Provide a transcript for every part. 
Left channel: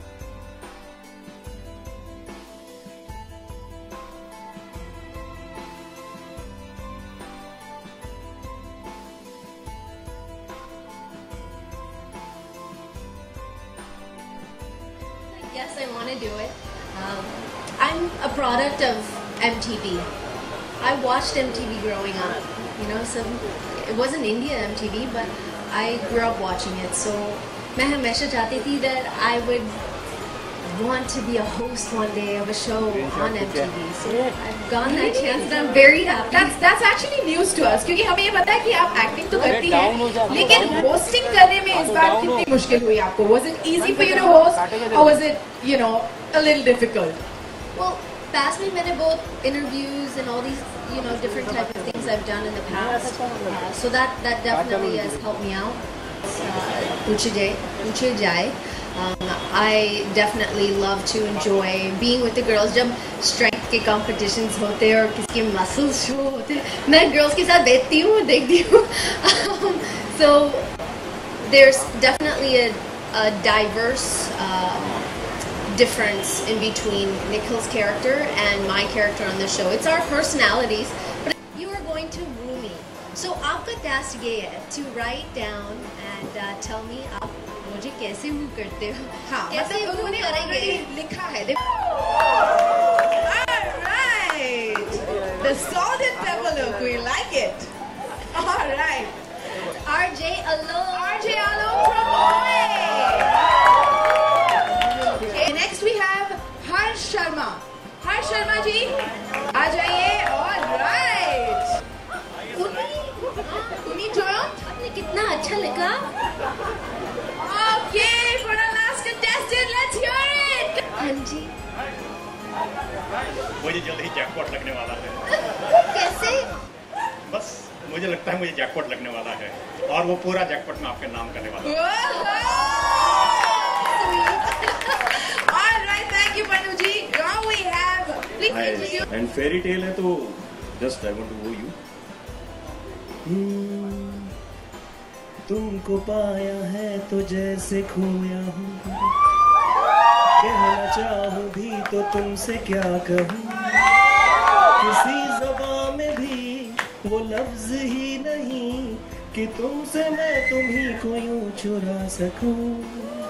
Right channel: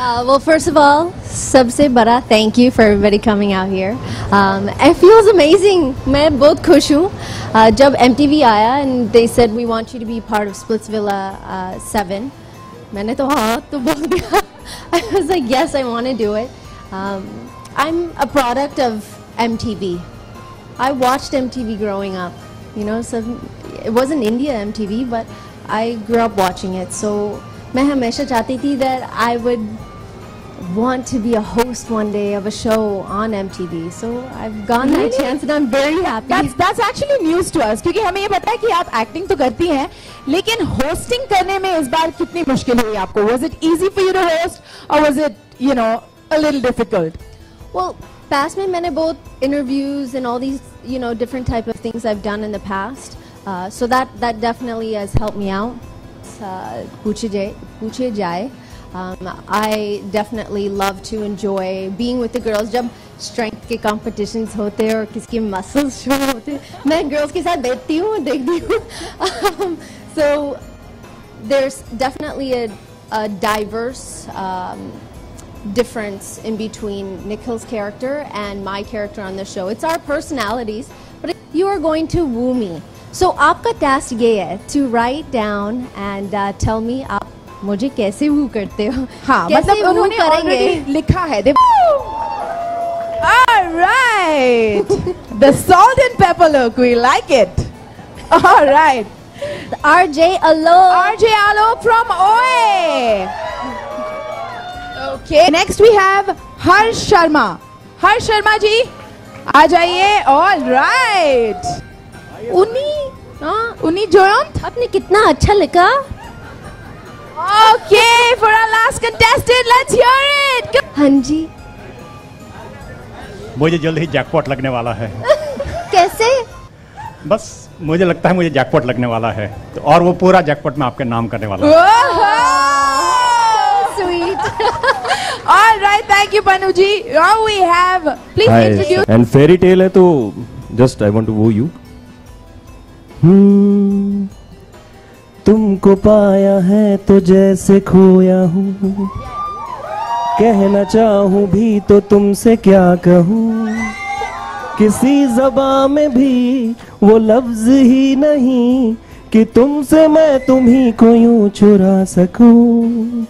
Well, first of all, सबसे बड़ा thank you for everybody coming out here. It feels amazing. मैं बहुत खुश हूँ. जब MTV आया and they said we want you to be part of Splitsvilla 7. मैंने तो हाँ तो बोल दिया. I was like yes, I want to do it. I'm a product of MTV. I watched MTV growing up. You know, so it wasn't India MTV, but I grew up watching it. So मैं हमेशा चाहती थी that I would want to be a host one day of a show on MTV. So I've gotten that chance and I'm very happy. That's actually news to us क्योंकि हमें ये पता है कि आप acting तो करती हैं, लेकिन hosting करने में इस बार कितनी मुश्किल हुई आपको? Was it easy for you to host or was it, you know, a little difficult? Well, past में मैंने बहुत interviews and all these, you know, different type of things I've done in the past. So that definitely has helped me out. पूछिए जाए. I definitely love to enjoy being with the girls. जब strength के competitions होते हैं और किसके muscles show होते हैं, मैं girls के साथ बैठती हूँ और देखती हूँ. So there's definitely a diverse difference in between Nikhil's character and my character on the show. It's our personalities. But you are going to woo me. So आपका task ये है to write down and tell me आप मुझे कैसे वू करते हो. हाँ, मतलब उन्होंने already लिखा है. All right, the salt and pepper look, we like it. All right, RJ Alok from OA. Okay, next we have Harsh Sharma. Harsh Sharma ji, आ जाइए. All right, उन्नी जोयंत, आपने कितना अच्छा लिखा. Okay, for our last contestant, let's hear it. हाँ जी. मुझे जल्द ही jackpot लगने वाला है. कैसे? बस मुझे लगता है मुझे जैकपॉट लगने वाला है और वो पूरा जैकपॉट मैं आपके नाम करने वाला हूँ. Sweet. All right, thank you, Panu ji. Now we have, please introduce. And fairy tale है तो just I want to woo you. तुमको पाया है तो जैसे खोया हूँ, कहना चाहूँ भी तो तुमसे क्या कहूँ, किसी ज़बान में भी वो लफ्ज ही नहीं कि तुमसे मैं तुम्ही को यूं चुरा सकूँ.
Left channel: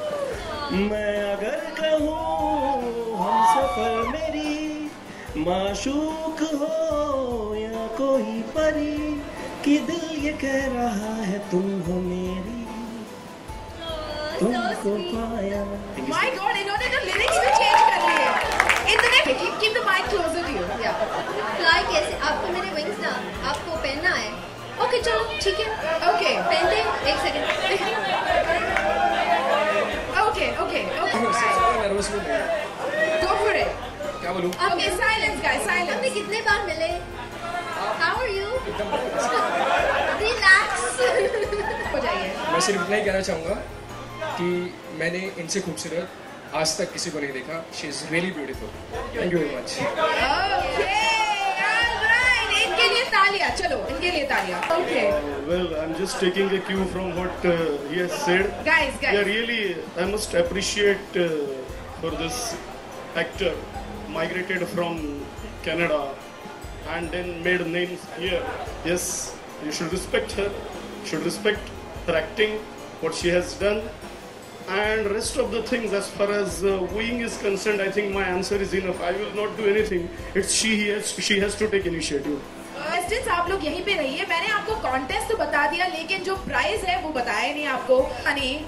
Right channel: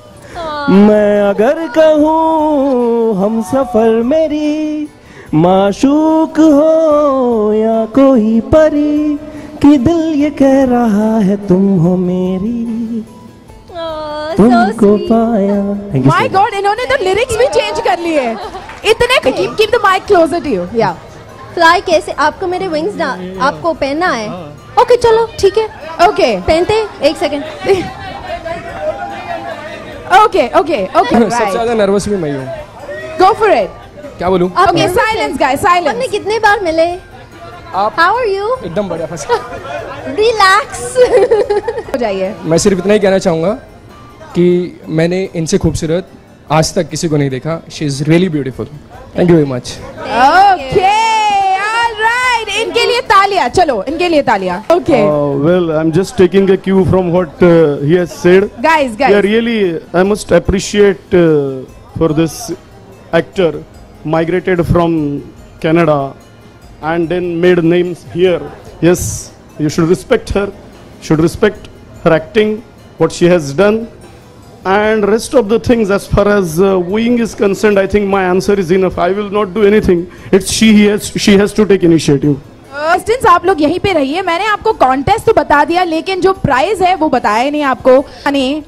मैं अगर कहूँ हम सफर मेरी माशूक हो या कोई परी, कि दिल ये कह रहा है तुम हो मेरी, तुमको पाया. My God, इन्होंने तो lyrics भी change कर लिए. इतने keep the mic closer to you. Yeah. Fly कैसे? आपको मेरे wings ना आपको पहनना है. Okay चलो ठीक है. Okay. पहनते. एक सेकंड. Okay. सबसे ज़्यादा nervous भी मैं हूँ. Go for it. क्या बोलूँ? Okay, silence guys, silence. हमने कितने बार मिले? आप How are you? एकदम बढ़िया फंस. Relax. हो जाइए. मैं सिर्फ इतना ही कहना चाहूँगा कि मैंने इनसे खूबसूरत आज तक किसी को नहीं देखा. She is really beautiful. Thank you very much. Okay, all right. इनके लिए तालियां. चलो, इनके लिए तालियां. Okay. Well, I'm just taking a cue from what he has said. Guys. Yeah, really, I must appreciate for this actor migrated from Canada and then made names here. Yes, you should respect her, should respect her acting, what she has done, and rest of the things as far as wooing is concerned. I think my answer is enough. I will not do anything. It's she has to take initiative. Contestants, आप लोग यहीं पे रहिए. मैंने आपको contest तो बता दिया, लेकिन जो prize है वो बताया ही नहीं आपको.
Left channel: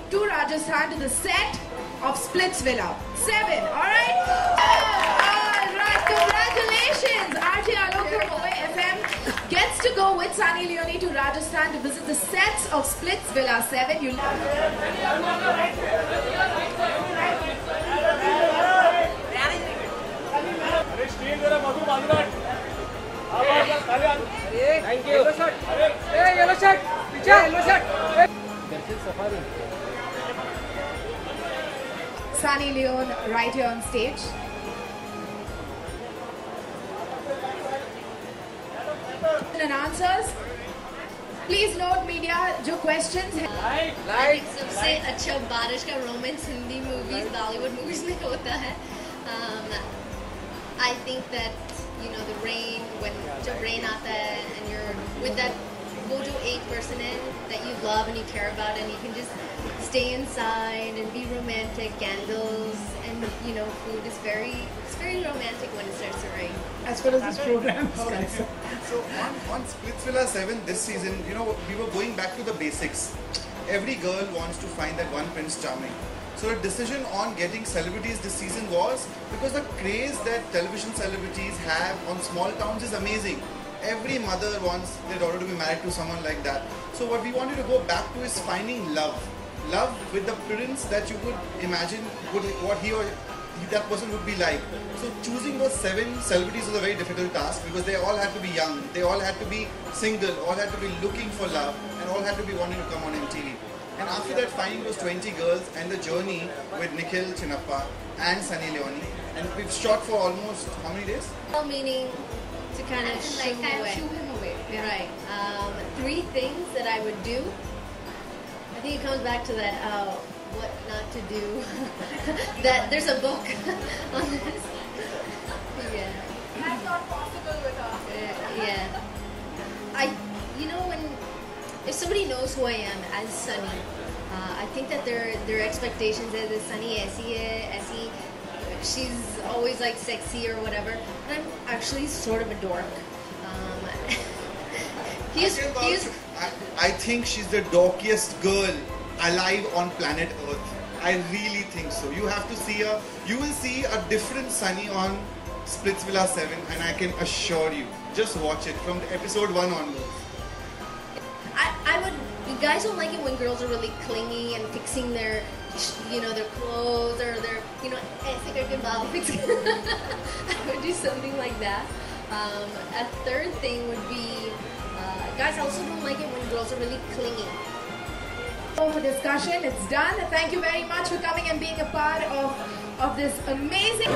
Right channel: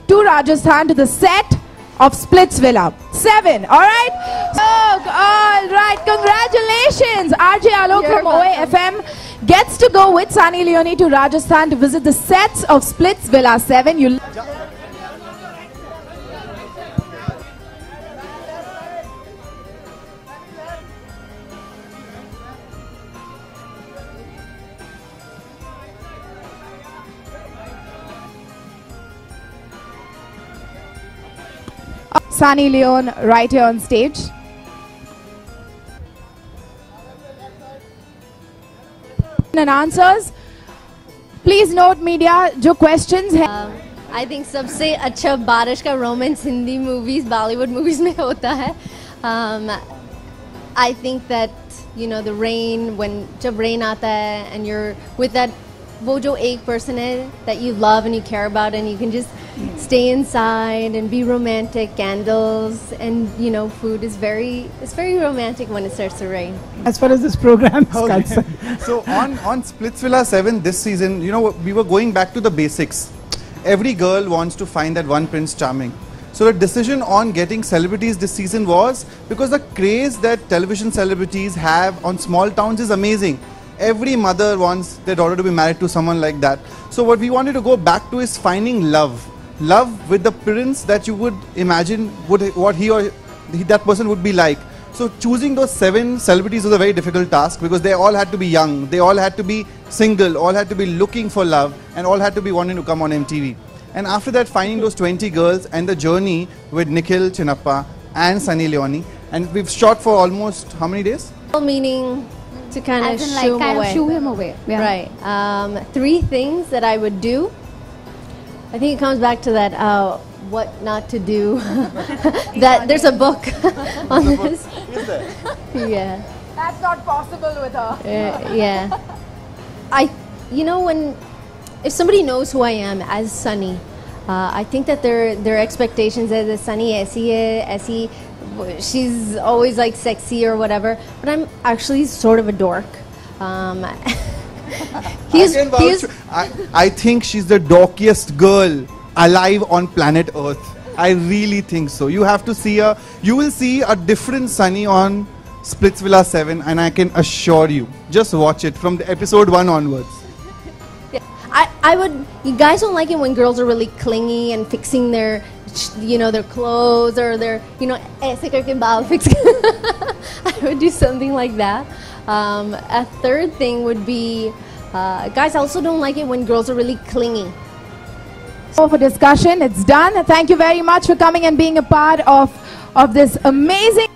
To Rajasthan, to the set of Splitsvilla 7. All right. All right. Congratulations. RJ Alok from OAFM gets to go with Sunny Leone to Rajasthan to visit the sets of Splitsvilla 7. You. Sunny Leone right here on stage. And answers. Please note media, जो questions हैं. I think सबसे अच्छा बारिश का romance Hindi movies Bollywood movies में होता है. I think that the rain, when जब rain आता है and you're with that वो जो एक person है that you love and you care about and you can just stay inside and be romantic, candles and food is it's very romantic when it starts to rain. As far as this program is concerned. So on Splitsvilla 7 this season, we were going back to the basics. Every girl wants to find that one Prince Charming. So the decision on getting celebrities this season was because the craze that television celebrities have on small towns is amazing. Every mother wants their daughter to be married to someone like that. So what we wanted to go back to is finding love. Love with the prince that you would imagine what that person would be like. So choosing those 7 celebrities was a very difficult task because they all had to be young, they all had to be single, all had to be looking for love and all had to be wanting to come on MTV. And after that, finding those 20 girls and the journey with Nikhil Chinnappa and Sunny Leone, and we've shot for almost how many days? Meaning to kind of shoo him away. Yeah. Right. 3 things that I would do. I think it comes back to that what not to do. That there's a book on this. Is there? Yeah. That's not possible with her. Yeah. When if somebody knows who I am as Sunny, I think that their expectations is that Sunny aisi she's always like sexy or whatever, but I'm actually sort of a dork. I think she's the dorkiest girl alive on planet Earth. I really think so. You have to see her. You will see a different Sunny on Splitsvilla 7, and I can assure you, just watch it from the episode 1 onwards. I would. You guys don't like it when girls are really clingy and fixing their, their clothes or their, ऐसे करके बाल fix. I would do something like that. A third thing would be, guys also don't like it when girls are really clingy. So for discussion, it's done. Thank you very much for coming and being a part of this amazing.